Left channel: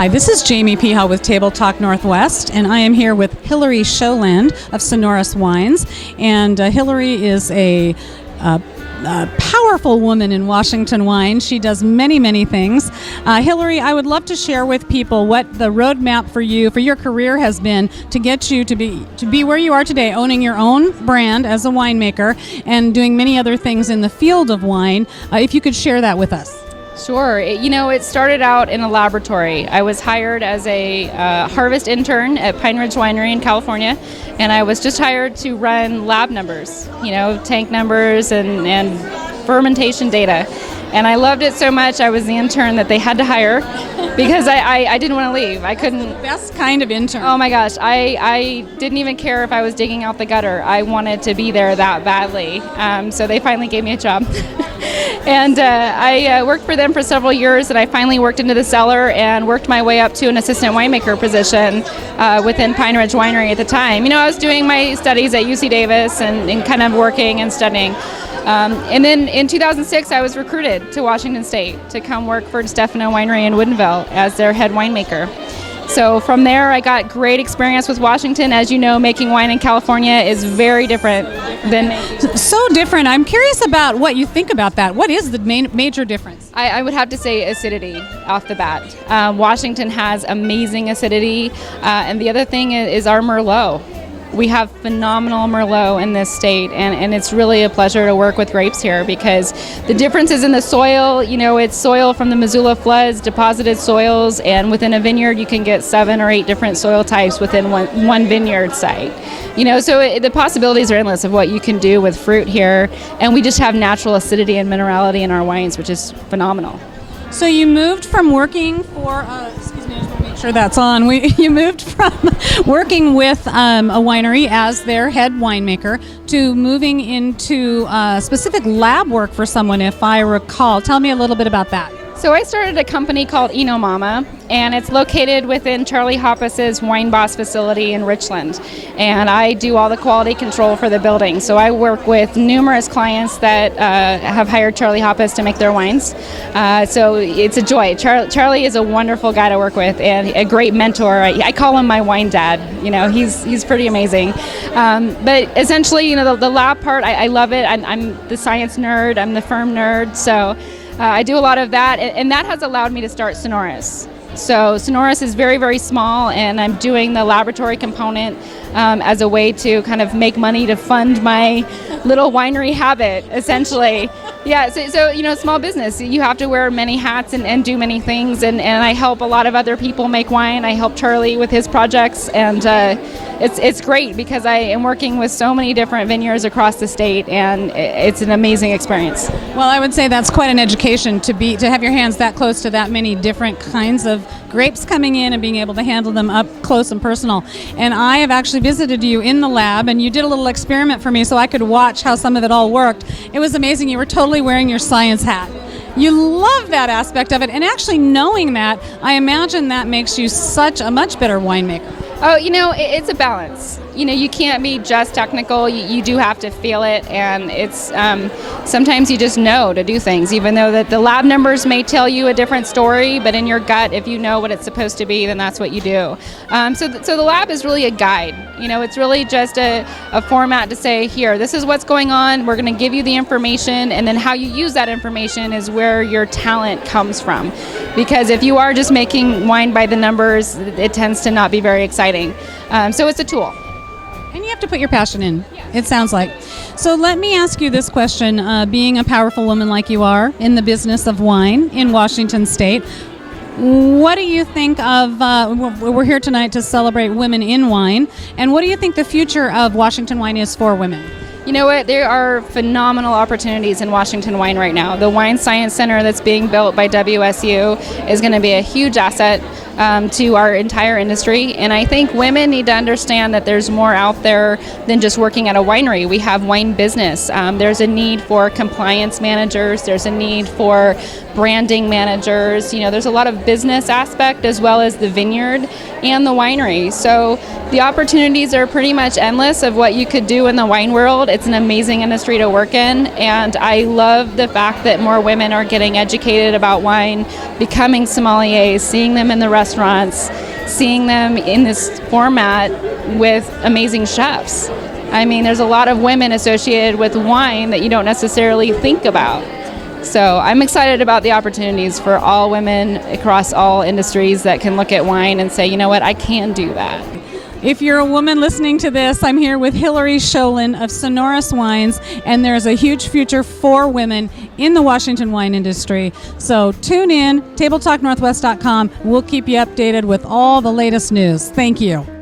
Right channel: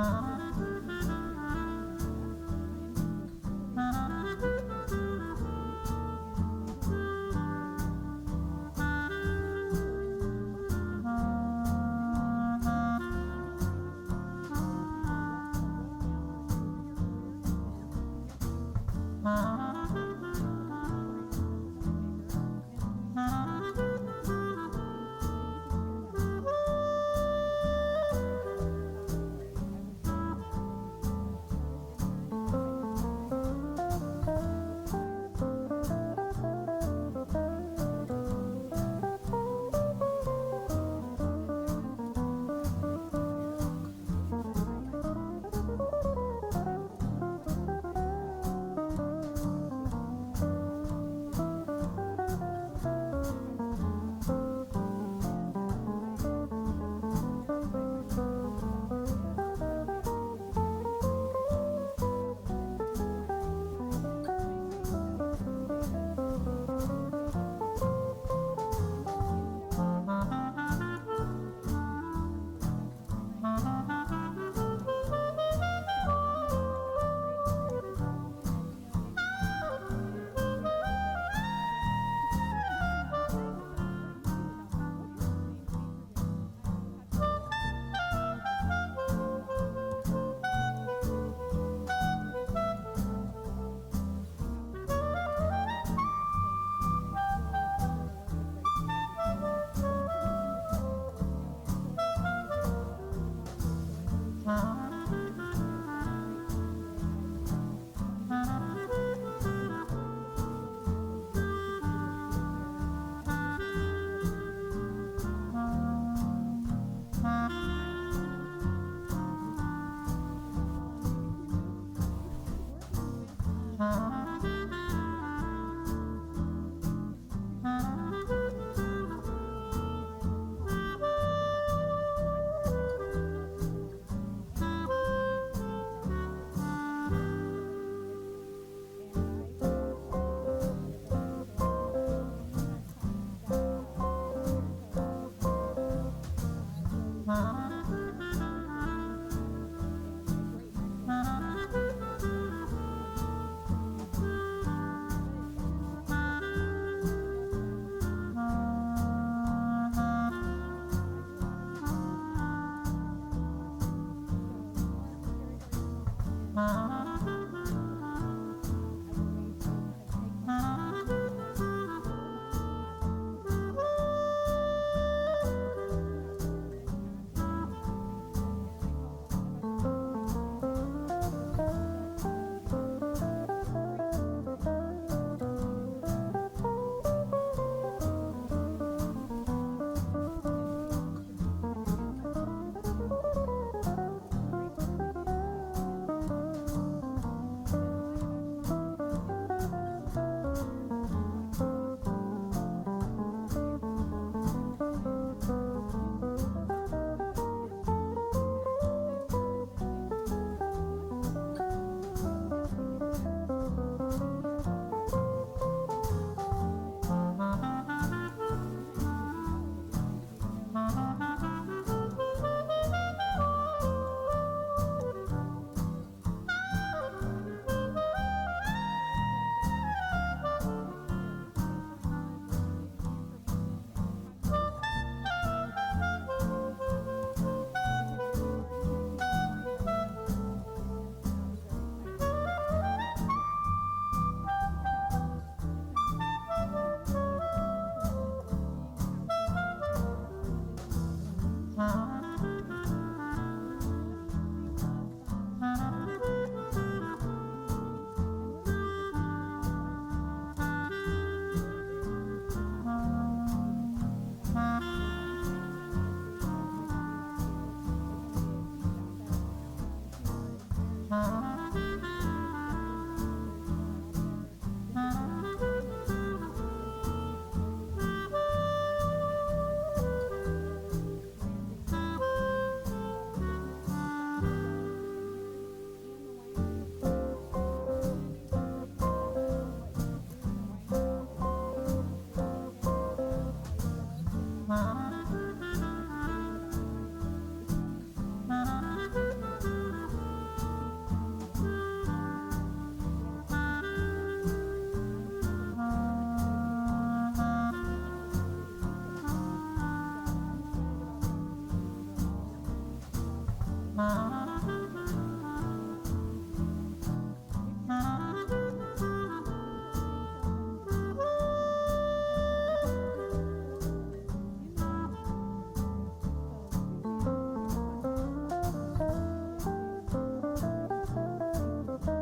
Hi, this is Jamie Peha with TableTalk Northwest, and I am here with Hillary Sjolund of Sonoris Wines. And Hillary is a powerful woman in Washington wine. She does many, many things. Hillary, I would love to share with people what the roadmap for you, for your career has been to get you to be where you are today, owning your own brand as a winemaker and doing many other things in the field of wine. If you could share that with us. Sure. It started out in a laboratory. I was hired as a harvest intern at Pine Ridge Winery in California, and I was just hired to run lab numbers, tank numbers and fermentation data. And I loved it so much, I was the intern that they had to hire because I didn't want to leave. I couldn't. That's the best kind of intern. Oh my gosh, I didn't even care if I was digging out the gutter. I wanted to be there that badly. So they finally gave me a job. And I worked for them for several years, and I finally worked into the cellar and worked my way up to an assistant winemaker position within Pine Ridge Winery at the time. I was doing my studies at UC Davis and kind of working and studying. And then in 2006, I was recruited to Washington State to come work for Stefano Winery in Woodinville as their head winemaker. So from there, I got great experience with Washington. As you know, making wine in California is very different than... So different. I'm curious about what you think about that. What is the major difference? I would have to say acidity off the bat. Washington has amazing acidity. And the other thing is our Merlot. We have phenomenal Merlot in this state, and it's really a pleasure to work with grapes here because the differences in the soil, it's soil from the Missoula floods, deposited soils, and within a vineyard you can get 7 or 8 different soil types within one vineyard site. So the possibilities are endless of what you can do with fruit here, and we just have natural acidity and minerality in our wines, which is phenomenal. So you moved from working for... Sure, that's on. You moved from working with a winery as their head winemaker to moving into specific lab work for someone, if I recall. Tell me a little bit about that. So I started a company called Eno Mama, and it's located within Charlie Hoppus's Wine Boss facility in Richland. And I do all the quality control for the building. So I work with numerous clients that have hired Charlie Hoppus to make their wines. So it's a joy. Charlie is a wonderful guy to work with and a great mentor. I call him my wine dad. He's pretty amazing. But essentially, the lab part, I love it. I'm the science nerd. I'm the firm nerd. So I do a lot of that, and that has allowed me to start Sonoris. So Sonoris is very, very small, and I'm doing the laboratory component as a way to kind of make money to fund my little winery habit, essentially. Yeah, so small business, you have to wear many hats and do many things, and I help a lot of other people make wine. I help Charlie with his projects, and it's great because I am working with so many different vineyards across the state, and it's an amazing experience. Well, I would say that's quite an education to have your hands that close to that many different kinds of grapes coming in and being able to handle them up close and personal. And I have actually visited you in the lab, and you did a little experiment for me so I could watch how some of it all worked. It was amazing. You were totally wearing your science hat. You love that aspect of it, and actually knowing that, I imagine that makes you such a much better winemaker. Oh, it's a balance. You can't be just technical. You do have to feel it, and it's sometimes you just know to do things, even though that the lab numbers may tell you a different story, but in your gut, if you know what it's supposed to be, then that's what you do. So the lab is really a guide. It's really just a format to say, here, this is what's going on. We're going to give you the information, and then how you use that information is where your talent comes from. Because if you are just making wine by the numbers, it tends to not be very exciting. So it's a tool. And you have to put your passion in, it sounds like. So let me ask you this question. Being a powerful woman like you are in the business of wine in Washington State, what do you think of, we're here tonight to celebrate women in wine, and what do you think the future of Washington wine is for women? You know what? There are phenomenal opportunities in Washington wine right now. The Wine Science Center that's being built by WSU is going to be a huge asset to our entire industry. And I think women need to understand that there's more out there than just working at a winery. We have wine business. There's a need for compliance managers. There's a need for branding managers. There's a lot of business aspect as well as the vineyard and the winery. So the opportunities are pretty much endless of what you could do in the wine world. It's an amazing industry to work in, and I love the fact that more women are getting educated about wine, becoming sommeliers, seeing them in the restaurant restaurants, seeing them in this format with amazing chefs. I mean, there's a lot of women associated with wine that you don't necessarily think about. So I'm excited about the opportunities for all women across all industries that can look at wine and say, you know what, I can do that. If you're a woman listening to this, I'm here with Hillary Sjolund of Sonoris Wines, and there's a huge future for women in the Washington wine industry. So tune in, TableTalkNorthwest.com. We'll keep you updated with all the latest news. Thank you.